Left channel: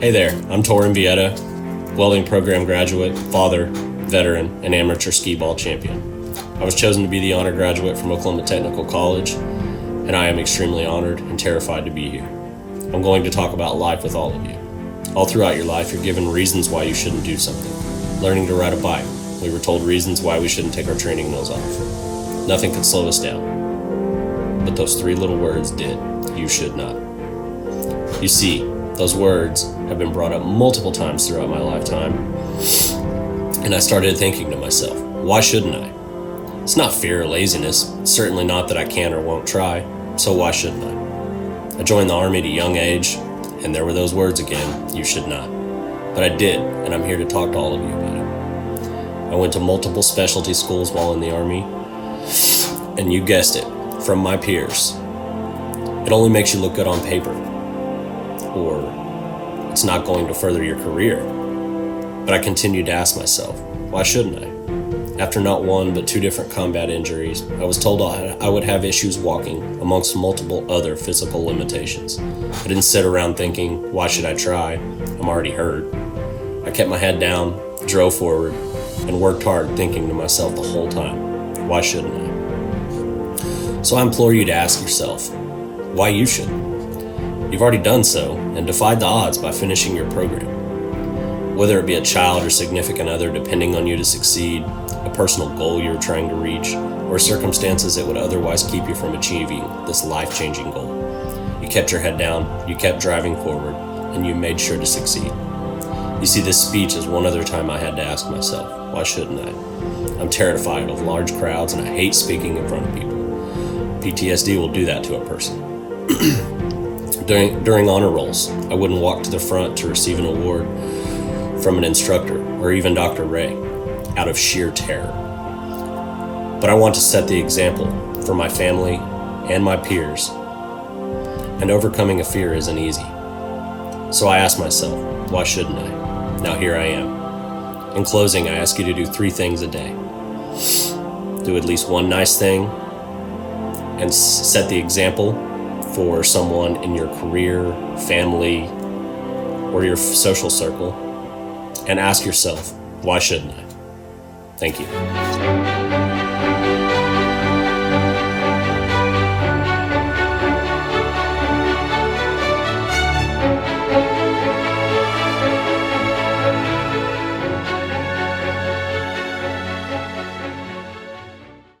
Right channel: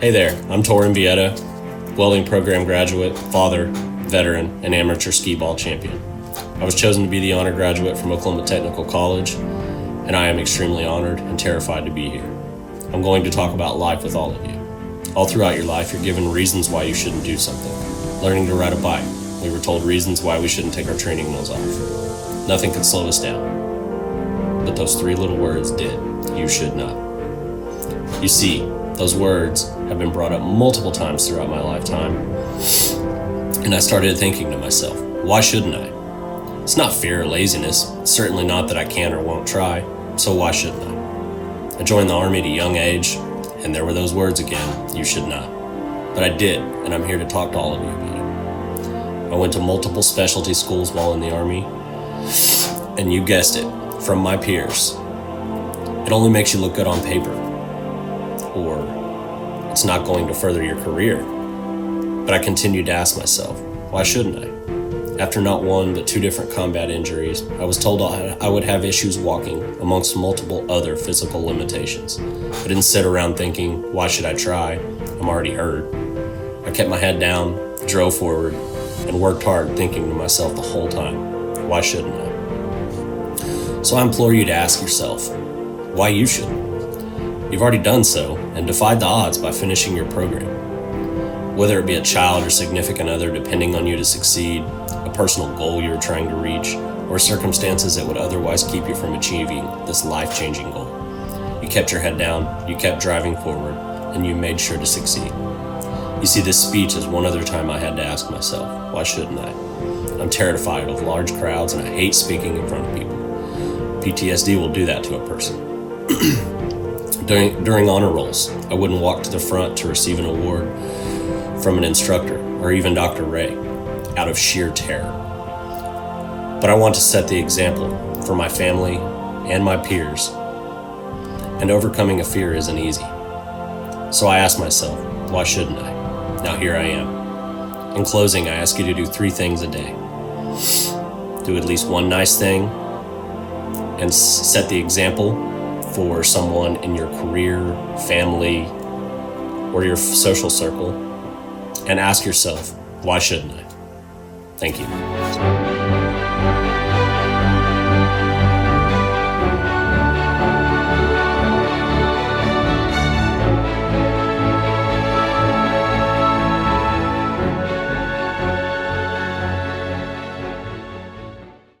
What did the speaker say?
Hey there, I'm Torin Vieta, welding program graduate, father, veteran, and amateur skee ball champion. I was chosen to be the honor graduate from Oklahoma Technical College, and I am extremely honored and terrified to be here. I'm going to talk about life with all of you. All throughout your life, you're given reasons why you shouldn't do something. Learning to ride a bike, we were told reasons why we shouldn't take our training wheels off. Nothing could slow us down. But those three little words did. You should not. You see, those words have been brought up multiple times throughout my lifetime, and I started thinking to myself, why shouldn't I? It's not fear or laziness. It's certainly not that I can or won't try, so why shouldn't I? I joined the Army at a young age, and there were those words again, you should not. But I did, and I'm here to talk to all of you about it. I went to multiple specialty schools while in the Army, and you guessed it, from my peers. It only makes you look good on paper, or it's not going to further your career. But I continued to ask myself, why shouldn't I? After not one, but 2 different combat injuries, I was told I would have issues walking amongst multiple other physical limitations. I didn't sit around thinking, why should I try? I'm already hurt. I kept my head down, drove forward, and worked hard thinking to myself the whole time, why shouldn't I? So I implore you to ask yourself, why you shouldn't? You've already done so and defied the odds by finishing your program. Whether it be a child or significant other depending on you to succeed, a personal goal you're trying to reach, or circumstances that would otherwise keep you from achieving this life-changing goal. You kept your head down, you kept driving forward, and you made sure to succeed. You see, this speech is one other time I had to ask myself, why shouldn't I? I'm terrified of large crowds and I hate speaking in front of people. PTSD will do that to a person. During honor rolls, I wouldn't walk to the front to receive an award from an instructor or even Dr. Ray out of sheer terror. But I want to set the example for my family and my peers, and overcoming a fear isn't easy. So I asked myself, why shouldn't I? Now here I am. In closing, I ask you to do 3 things a day. Do at least one nice thing and set the example for someone in your career, family, or your social circle, and ask yourself, why shouldn't I? Thank you.